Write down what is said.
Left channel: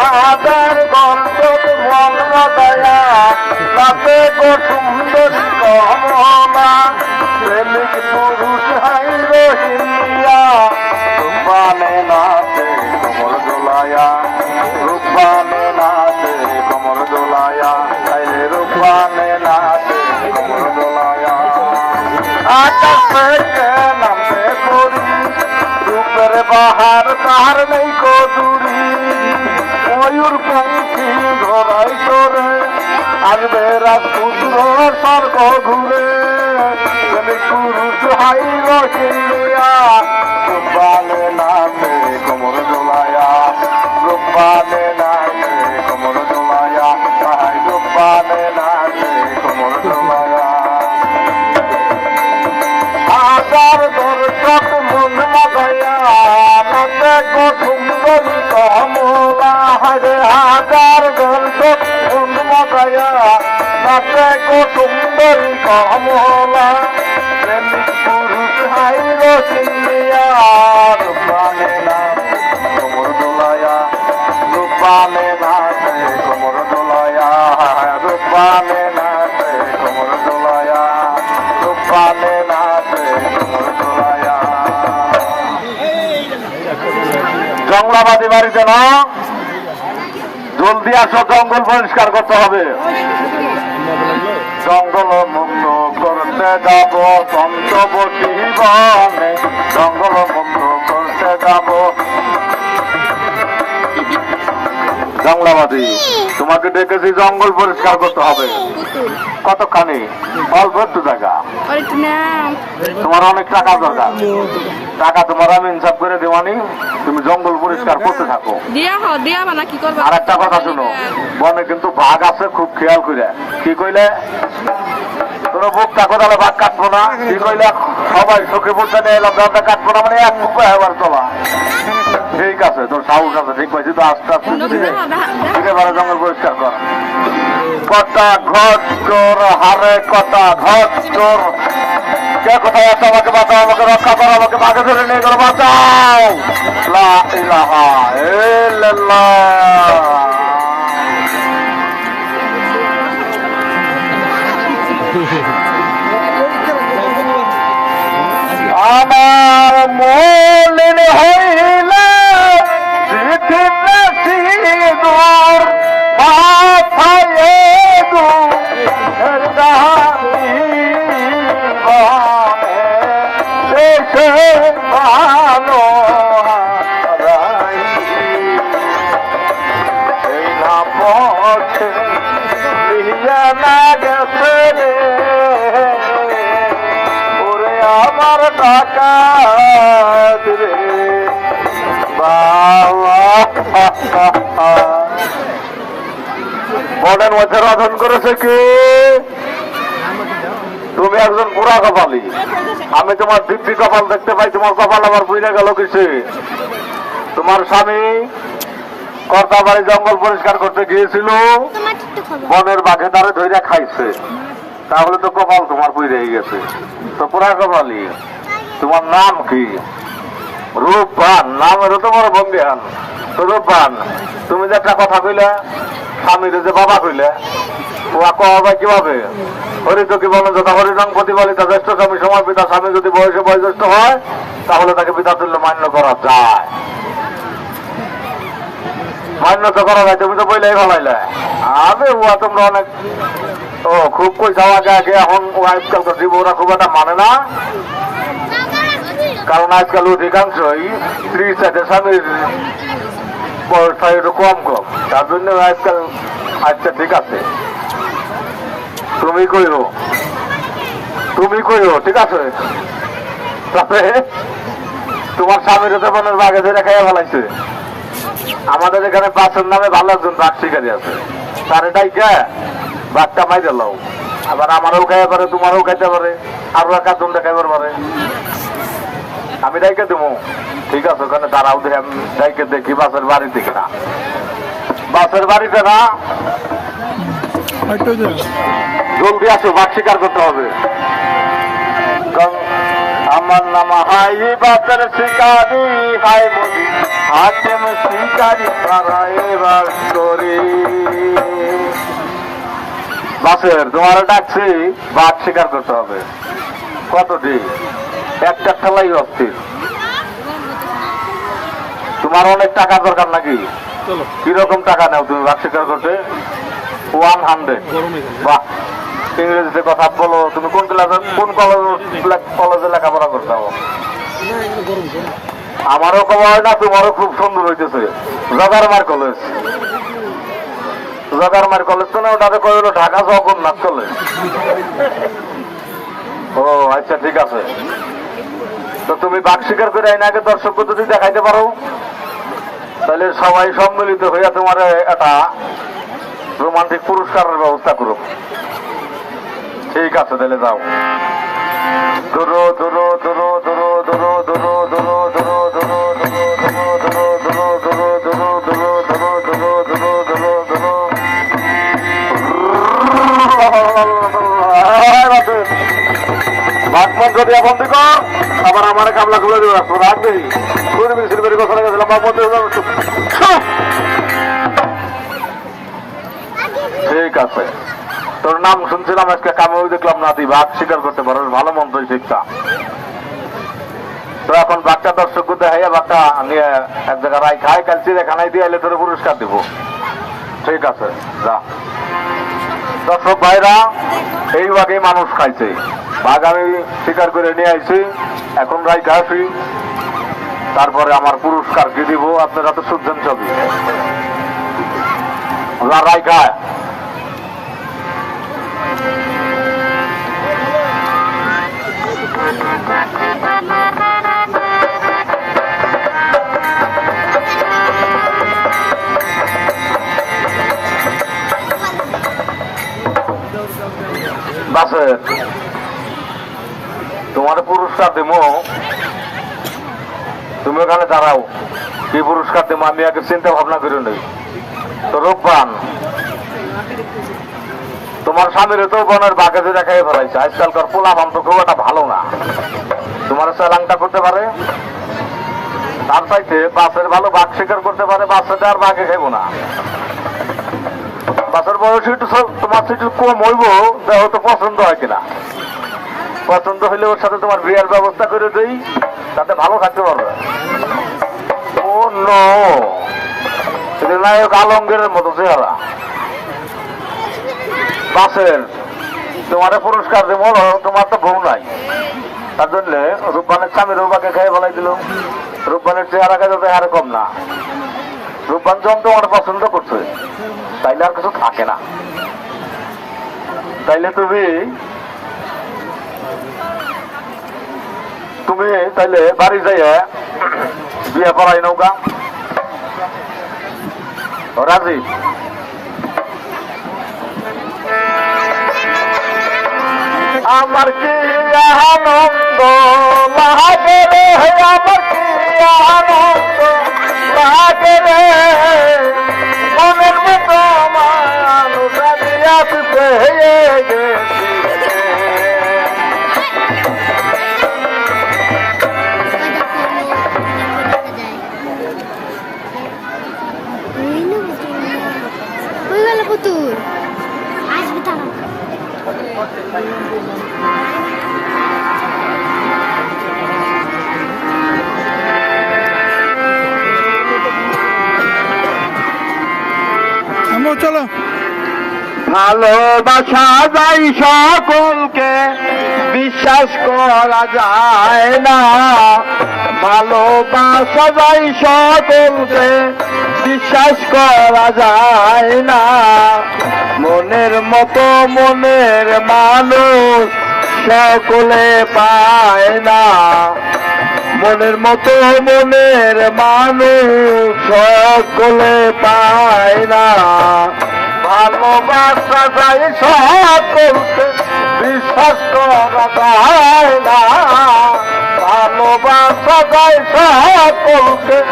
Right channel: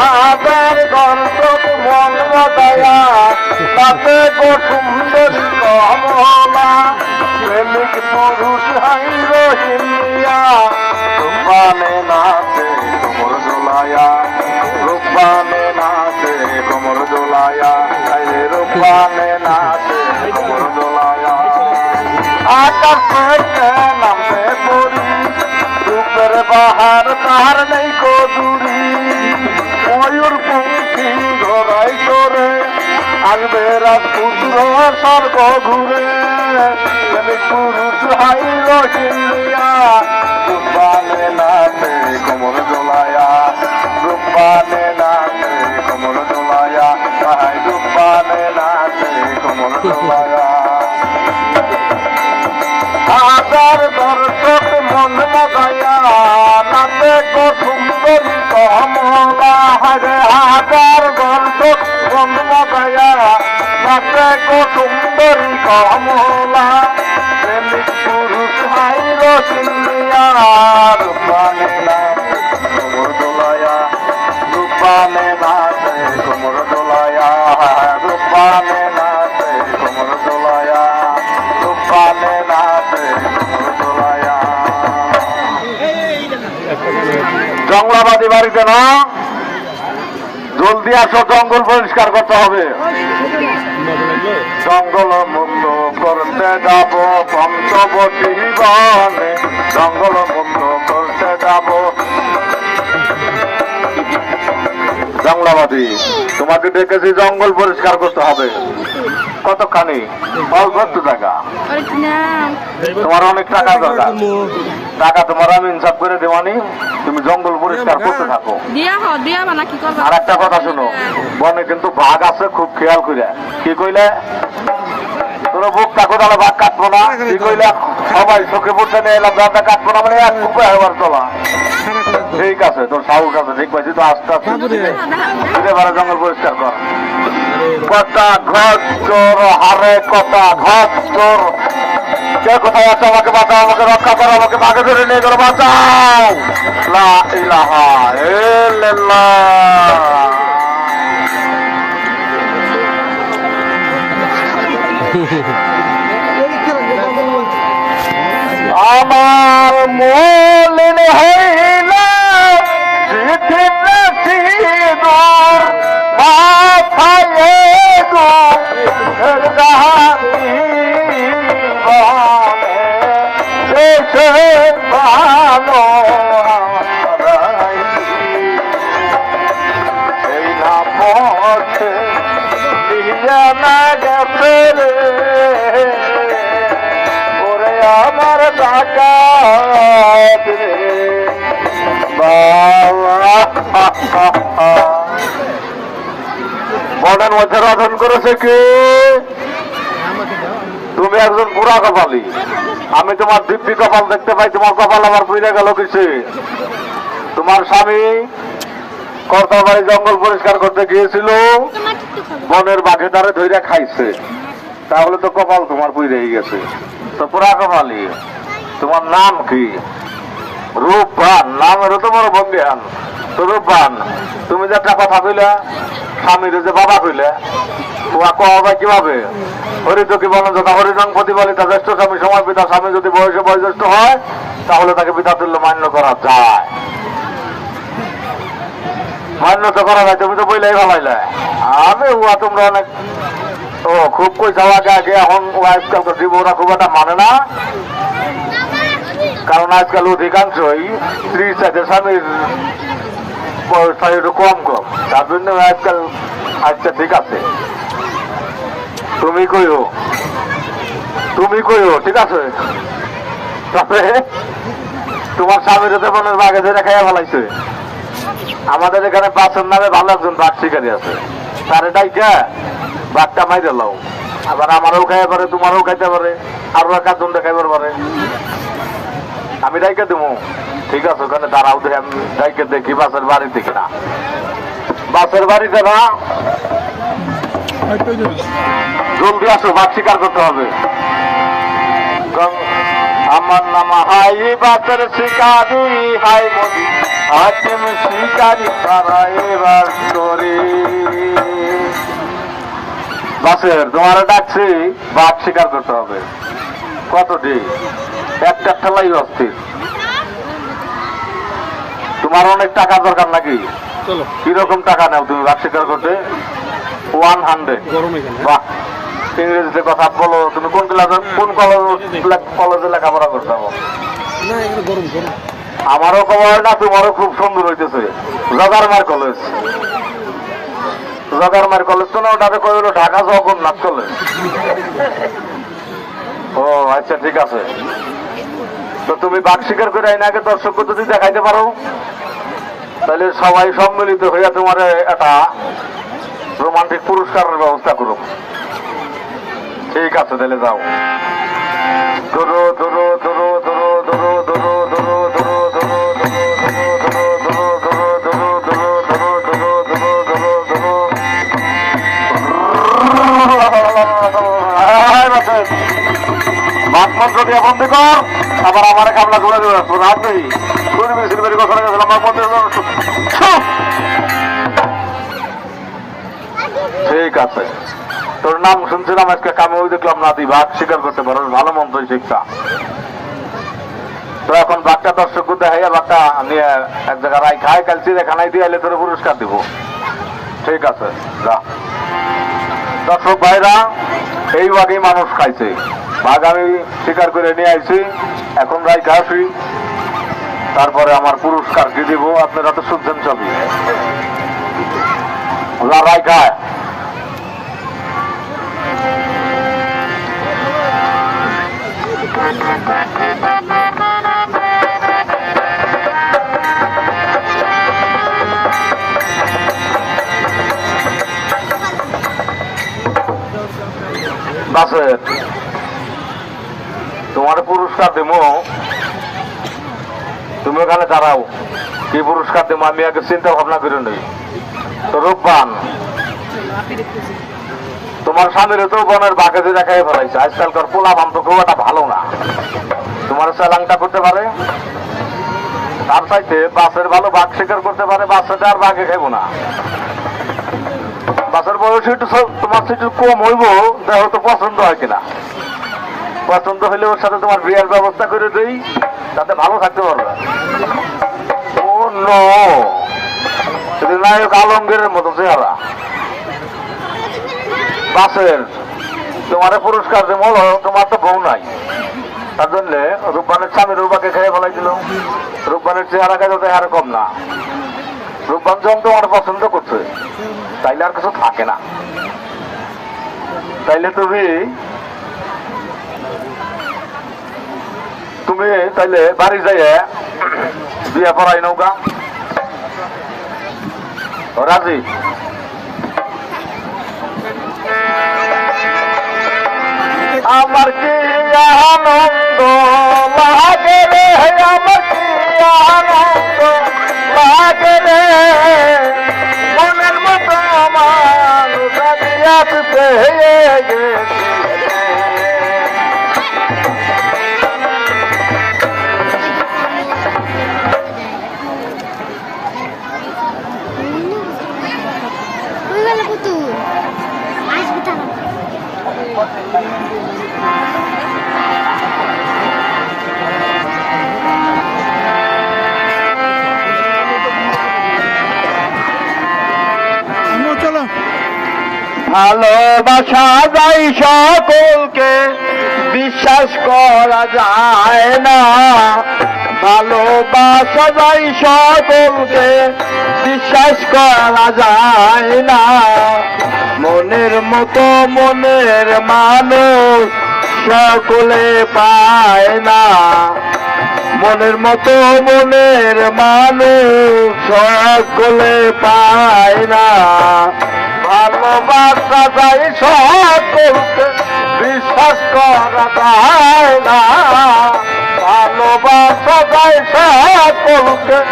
হাজার গল্প মন বাদায়া তাতে সুন্দর কমলা প্রেমিক পুরুষ হাই রহিমিয়া রূপানে নাচে কোমর দোলায়া রূপানে নাচে কোমর দোলায়া রে রূপানে নাচে কোমর দোলায়া আকাশ থেকে নামে পড়ি রূপের বাহার তার নেই কদুরি ময়ূর পঙ্খী ধরাই করে আসবে রাত পুত্র স্বর্গ ঘুরে পুরুষ হাই রহিমিয়া রূপানে নাচে কোমর দোলায়া রূপানে নাচে কোমর দোলায়া হাই রূপানে নাচে কোমর দোলায়া হাজার দর্শক মন বাদায়া নাচে সুন্দর কমলা হায় হাজার দর্শক মন বাদায়া নাচে সুন্দর কমলা প্রেমিক পুরুষ হাই রহিমিয়া রূপানে নাচে কোমর দোলায়া রূপানে নাচে কোমর দোলায়া রূপানে নাচে কোমর দোলায়া রূপানে নাচে কোমর দোলায়া জঙ্গলাবাদী বাড়িতে না জলদি আসো জঙ্গল পরিষ্কার করতে হবে জঙ্গল মুক্ত করতে যাব পঞ্চবতী বনে জঙ্গল মুক্ত করতে যাব জঙ্গলাবাদী তোমাকে ডেকেছি জঙ্গল পরিষ্কার করতে হবে কতখানি অল্প একটু টাকা তোমার অনেক টাকা দরকার টাকা তোমার আমি ইনসাফ করে দেওয়ানি তুমি জঙ্গল পরিষ্কার করতে থাকো আর একটা কথা শুনো বনে কিন্তু বাঘ আছে খুব খেয়াল করে কি কইলে তোর বুক কাকো তাহলে বাঘ কাটবো না কি কইলে সবাই চোখে বুঝতে নিয়ে এলাম রাতে কাটবো না মানে এক উপায় আমার চলা ঠিক আছে তোর সাহস আছে ঠিক পাইছি তো আস্তে আস্তে একেবারে জঙ্গল পরিষ্কার কর কটা ঘর চোর হারে কটা ঘর চোর কে কোথায় আছে আমাকে বাঁচাও আমাকে রক্ষা করো আমাকে বাঘে ধরে নিয়ে গেলো বাঁচাও লা ইলাহা ইল্লাল্লাহ আমার মলিন হইল দূর মাথায় ভালো এই না পথে গেছে রে ওরে আমার টাকা মনের মধ্যে রচন করেছে কি তুমি একজন পুরা কপালি আমি তোমার দিব্যি কপাল দেখতে পাই তোমার কপাল আমার পুড়ে গেল কিছু তোমার স্বামী কর্তাবাড়ি জঙ্গল পরিষ্কার করতে গিয়েছিল বনের বাঘে তারে ধরে খাইছে তাহলে তো কপাল তোমার পুড়ে গেছে তো পুরা কপালি তোমার নাম কি রূপবান নামেরও তোমার বন্দিহান তো রূপবান তুমি যে একটা কথা কইলে স্বামীর যে বাবা কইলে তোমার কবা কিভাবে হরিত কি বলো যথা হরিজন প্রতিপালিতা জ্যেষ্ঠ স্বামী সময় পিতা স্বামী যদি বয়সে বয়োজ্যেষ্ঠ হয় তাহলে তাকে পিতা তুল্য মান্য করা যায় মান্য তো করা যায় তুমি তো বইলেই ভালাইলে আরে উহা তোমরা অনেক ও খুব কই যাওয়া আগে এখন আজকাল জীবনরা খুব একটা মানে না কারণ আজকাল অধিকাংশই স্ত্রীর সাথে স্বামীর একটু কম কম তার জন্য আজকাল আচ্ছা ঠিক আছে তুমি কইও ঠিক আছে তবে তোমার স্বামীর হতে বনের বাঘে ধরে খাইয়া ভালাইছে আমাদের এখানে বাসের নামে ভালো একজন বাঘ শিকারি আছে তার এটাই কে বাঘটা মাইরে লাও আবার আমারও খাইয়া পারে তোমারও খাইতে পারে আরো একজন দেখাইবার পারে আমি ডাইকে দেবো ঠিক আছে ওখানে তারাও ডাইকে দেখি বাসের বাড়ি থেকে না বাসের বাড়িতে না জলদি আসো বাঘ শিকার করতে হবে আমার নাম হাই বাসের শিকারি হাই হাকিম শিকারি পারাইবার করে বাসের তোমার ডাকছি বাঘ শিকার করতে হবে কতটি একটা খেলাই অস্থির তোমার অনেক টাকার দরকার নাকি কিরকম টাকা নেও তুমি বাঘ শিকার করতে 100 বাহ ইংরেজিতে কথা বলো তুমি কোন ক্লাসে কোন কলেজে লেখাপড়া করতে হবে আমারও খবরটা তোমারও খুব সুন্দর হইতেছে জগারমার কলেজ জগারমার কলেজ তো না ওটাতে কই হলো ঢাকা জগন্নাথ কলেজ ও আচ্ছা ঠিক আছে তো তুমি বাঘ শিকার করে আগে দর্শক পদ্ধতি দেখাইতে পারো তাহলে সবাই সম্মিলিত হইয়া তোমার একটা রোমান্টিক পুরস্কারের ব্যবস্থা করুক ঠিক আছে তাহলে যাও ধরো ধরো ধরো ধরো ধরো ধরো ধরো ধরো বন্ধু কর আবার আমার কামলা খুলে দেবে রাত নেই ছুরি মিছিল বের কথা গেছিলাম বন্ধু ঠিক আছে তোর নাম শুনছিলাম আজকে কামেও দেখলাম না তুই বাঘ শিকার করতে পারো ভালো মন্ত্র শিক্ষা তো এখন বাঘটা দর্শক দেখাইয়া বাঘটা নিয়ে এক জায়গায় রাই খায় কালছি এখানে দিয়ে এলে তোর পুরস্কার দিব ঠিক আছে যা দর্শক ভাইরা এই বাঘেই মানুষ খাইছে বাঘ আমি শিকার করে নিয়ে আইছি এখন রাই খাসি তারপরে আমার পুরস্কার কি দিব আপনারা তো শুনছেন সব রাই খায় তোমার পুরস্কার দেব তুমি ওখানে দাঁড়াও কি পুরস্কার দেবো আমি আগে চিন্তা ভাবনা করে নেই তো রূপবান তোমার স্বামীর তো বনের বাঘে যে দেখাই ফেলাইছে আজকালকার পোলা বান তো খুব একটা ভালো না তোমার চালাংটা করতে পারে তার চাইতে বাসের ভালো বাঘ শিকার করতে পারে বাচ্চাটা আর বাঘে খাইব না বাসের বয়স একটু তোমার থেকে কম হইব হয়তো পছন্দ হয় কিনা পছন্দ হলে ওর সাথে তোমার বিয়ের ব্যবস্থা করে দেই তাতে ভালো থাকতে পারবে ও নায়ক আলমগীরের মতো চেহারা বাসের তোমার পুরস্কার দেবো তোমার তো বউ নাই তার জন্য রূপবানের স্বামীর রূপাকে খেয়ে বলাই দিল রূপবানের চেহারা খেয়ে তো আর কম না রূপবান যখন তোমার পছন্দ করছে তাইলে আর কিছু থাকে না তাইলে তুমি তাইলে বাড়ি যাই বিয়ে করাই নৌকা রাজি আমার কি আনন্দ লাগে রে আমার কি আনন্দ লাগে রে মনের মতো আমার চলো ভালোবাসা যায় সকলকে বিশ্বাস করা যায় না ভালোবাসা যায় সকলকে বিশ্বাস করা যায় না মনের মতো মনের মানুষ সকলে পায় না মনের মতো মনের মানুষ সকলে পায় না ভালোবাসা যায় সকলকে বিশ্বাস করা যায় না ভালোবাসা যায় সকলকে